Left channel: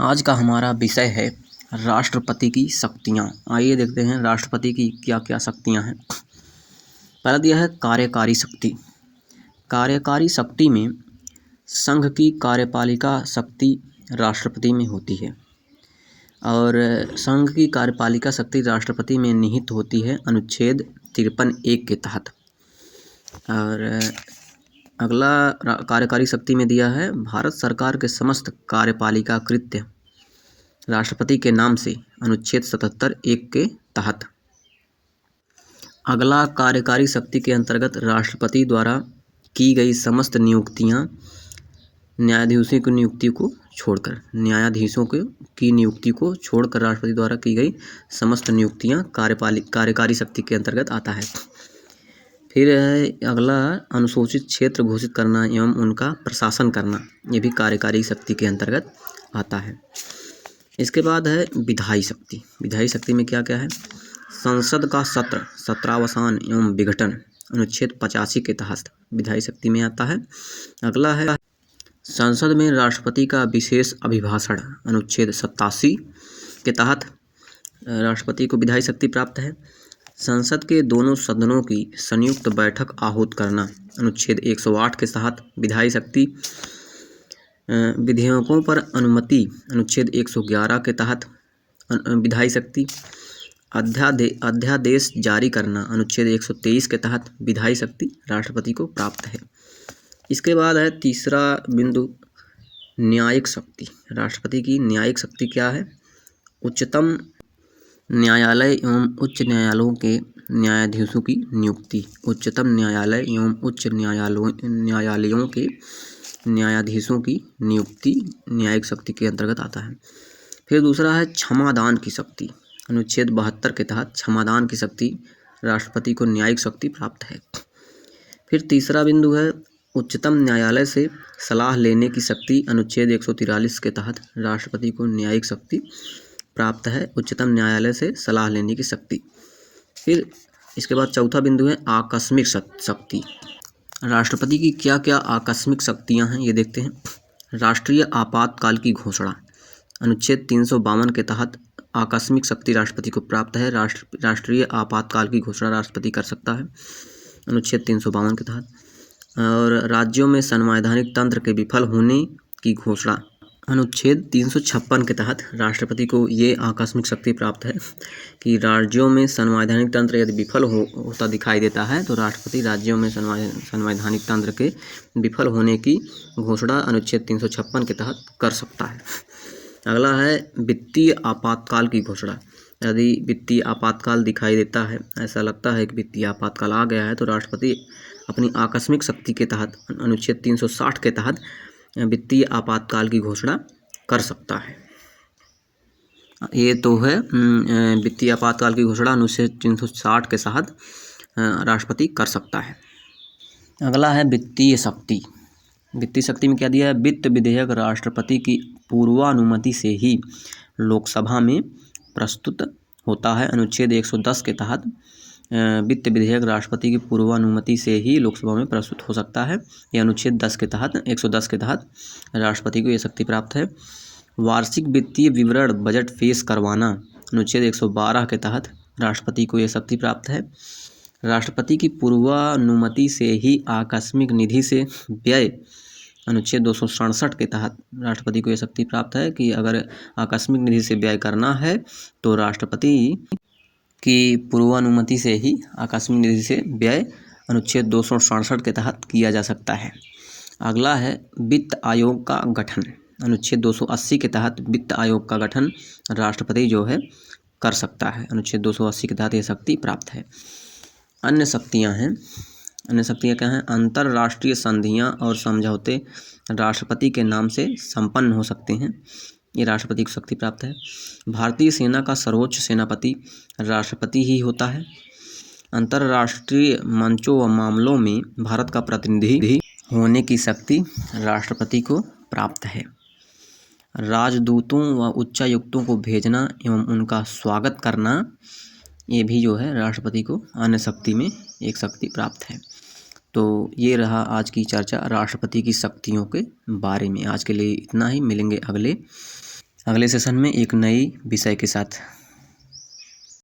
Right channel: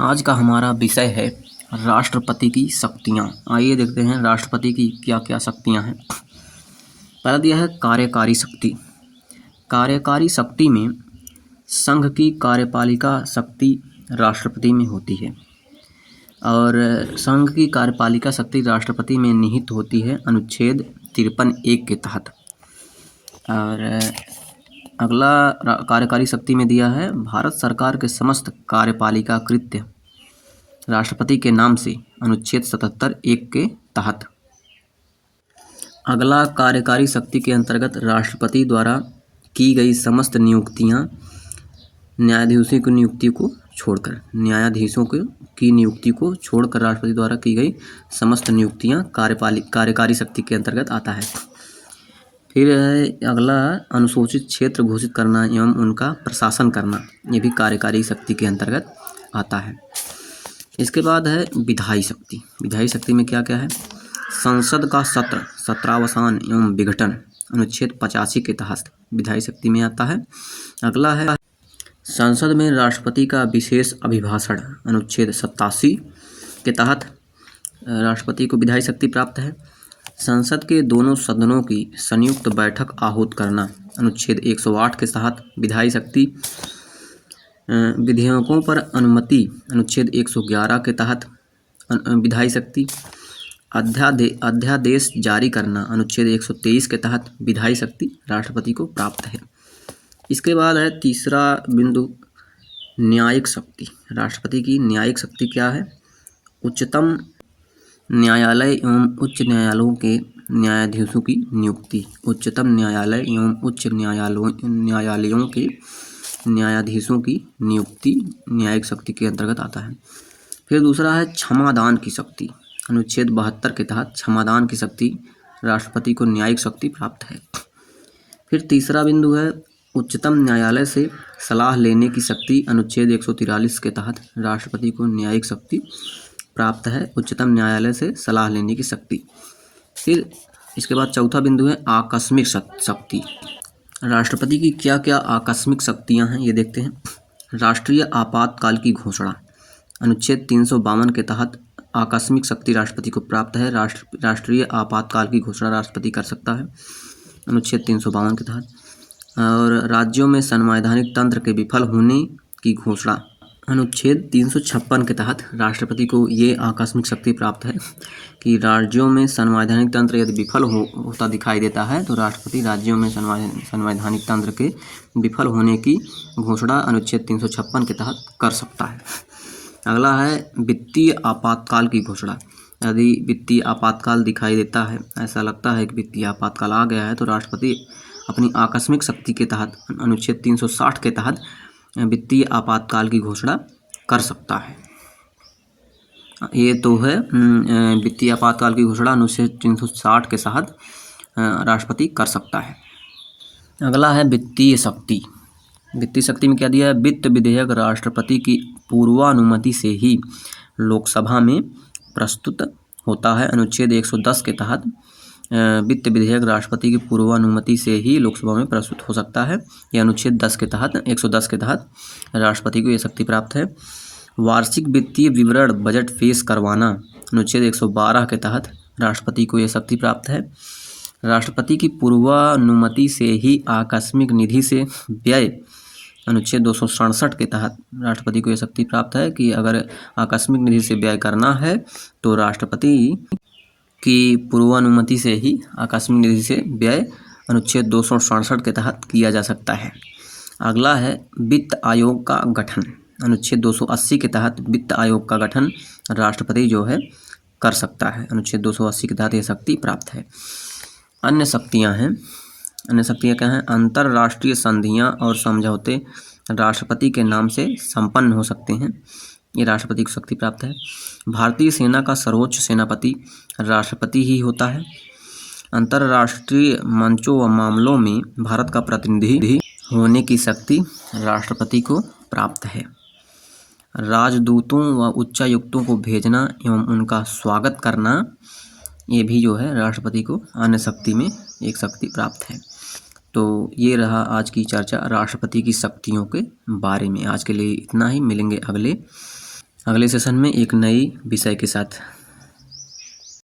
आज का हमारा विषय है राष्ट्रपति की शक्तियाँ। आइए देखते हैं राष्ट्रपति की क्या क्या शक्तियाँ हैं। पहला दिया है कार्यकारी शक्ति। कार्यकारी शक्ति में संघ की कार्यपालिका शक्ति राष्ट्रपति में होती है और संघ की कार्यपालिका शक्ति राष्ट्रपति में निहित होती है अनुच्छेद 53(1) के तहत। और अगला कार्यकारी शक्ति में दिया है भारत सरकार के समस्त कार्यपालिका कृत्य राष्ट्रपति के नाम से अनुच्छेद 77(1) के तहत। अगला कार्यकारी शक्ति के अंतर्गत राष्ट्रपति द्वारा की गई समस्त नियुक्तियां न्यायाधीशों की नियुक्ति को छोड़कर राष्ट्रपति द्वारा की गई समस्त नियुक्तियां कार्यकारी शक्ति के अंतर्गत आता है। फिर अगला अनुसूचित क्षेत्र घोषित करना एवं उनका प्रशासन करना, ये भी कार्यकारी शक्ति के अंतर्गत आता है। इसके बाद है विधायी शक्ति। विधायी शक्ति में क्या क्या है? संसद का सत्रावसान एवं विघटन अनुच्छेद 85 के तहत विधायी शक्ति में आता है। अगला है संसद में राष्ट्रपति का विशेष अभिभाषण अनुच्छेद 87 के तहत राष्ट्रपति को विधायी शक्ति प्राप्त है। संसद के दोनों सदनों की संयुक्त बैठक आहूत करना अनुच्छेद 108 के तहत विधायी शक्ति। विधेयकों पर अनुमति अनुच्छेद 111 के तहत विधायी शक्ति। अध्यादेश जारी करना अनुच्छेद 123 के तहत विधायी शक्ति राष्ट्रपति को प्राप्त है। इसके बाद है तीसरा बिंदु न्यायिक शक्ति। राष्ट्रपति की न्यायिक शक्ति क्या है? उच्चतम न्यायालय एवं उच्च न्यायालयों के न्यायाधीशों की नियुक्ति। उच्चतम न्यायालय एवं उच्च न्यायालयों के न्यायाधीशों की नियुक्ति न्यायिक शक्ति के अंतर्गत आता है। फिर दूसरा है क्षमादान की शक्ति। अनुच्छेद 72 के तहत क्षमादान की शक्ति राष्ट्रपति को न्यायिक शक्ति प्राप्त है। फिर तीसरा बिंदु है उच्चतम न्यायालय से सलाह लेने की शक्ति। अनुच्छेद 143 के तहत राष्ट्रपति को न्यायिक शक्ति प्राप्त है, उच्चतम न्यायालय से सलाह लेने की शक्ति। फिर इसके बाद चौथा बिंदु है आकस्मिक शक्ति। राष्ट्रपति की क्या क्या आकस्मिक शक्तियां हैं ये देखते हैं। राष्ट्रीय आपातकाल की घोषणा अनुच्छेद 352 के तहत आकस्मिक शक्ति राष्ट्रपति को प्राप्त है। राष्ट्रीय आपातकाल की घोषणा राष्ट्रपति कर सकता है अनुच्छेद 352 के तहत। और राज्यों में संवैधानिक तंत्र के विफल होने की घोषणा अनुच्छेद 356 के तहत राष्ट्रपति को ये आकस्मिक शक्ति प्राप्त है कि राज्यों में संवैधानिक तंत्र यदि विफल होता दिखाई देता है तो राष्ट्रपति राज्यों में संवैधानिक तंत्र के विफल होने की घोषणा अनुच्छेद 356 के तहत कर सकता है। अगला है वित्तीय आपातकाल की घोषणा। यदि वित्तीय आपातकाल दिखाई देता है, ऐसा लगता है कि वित्तीय आपातकाल आ गया है, तो राष्ट्रपति अपनी आकस्मिक शक्ति के तहत अनुच्छेद 360 के तहत वित्तीय आपातकाल की घोषणा कर सकता है। ये तो है वित्तीय आपातकाल की घोषणा अनुच्छेद 360 के तहत राष्ट्रपति कर सकता है। अगला है वित्तीय शक्ति। वित्तीय शक्ति में क्या दिया है? वित्त विधेयक राष्ट्रपति की पूर्वानुमति से ही लोकसभा में प्रस्तुत होता है। अनुच्छेद 110 के तहत वित्त विधेयक राष्ट्रपति की पूर्वानुमति से ही लोकसभा में प्रस्तुत हो सकता है। यह अनुच्छेद 110 के तहत राष्ट्रपति को यह शक्ति प्राप्त है। वार्षिक वित्तीय विवरण बजट पेश करवाना अनुच्छेद 112 के तहत राष्ट्रपति को यह शक्ति प्राप्त है। राष्ट्रपति की पूर्वानुमति से ही आकस्मिक निधि से व्यय अनुच्छेद 267 के तहत राष्ट्रपति को यह शक्ति प्राप्त है कि अगर आकस्मिक निधि से व्यय करना है तो राष्ट्रपति की पूर्वानुमति से ही आकस्मिक निधि से व्यय अनुच्छेद 267 के तहत किया जा सकता है। अगला है वित्त आयोग का गठन। अनुच्छेद 280 के तहत वित्त आयोग का गठन राष्ट्रपति जो है कर सकता है। अनुच्छेद 280 के तहत यह शक्ति प्राप्त है। अन्य शक्तियां हैं। अन्य शक्तियां क्या हैं? अंतर्राष्ट्रीय संधियां और समझौते राष्ट्रपति के नाम से संपन्न हो सकते हैं, ये राष्ट्रपति को शक्ति प्राप्त है। भारतीय सेना का सर्वोच्च सेनापति राष्ट्रपति ही होता है। अंतर्राष्ट्रीय मंचों व मामलों में भारत का प्रतिनिधि होने की शक्ति राष्ट्रपति को प्राप्त है। राजदूतों व उच्चायुक्तों को भेजना एवं उनका स्वागत करना, ये भी जो है राष्ट्रपति को अन्य शक्ति में एक शक्ति प्राप्त है। तो ये रहा आज की चर्चा राष्ट्रपति की शक्तियों के बारे में। आज के लिए इतना ही, मिलेंगे अगले अगले सेशन में एक नई विषय के साथ।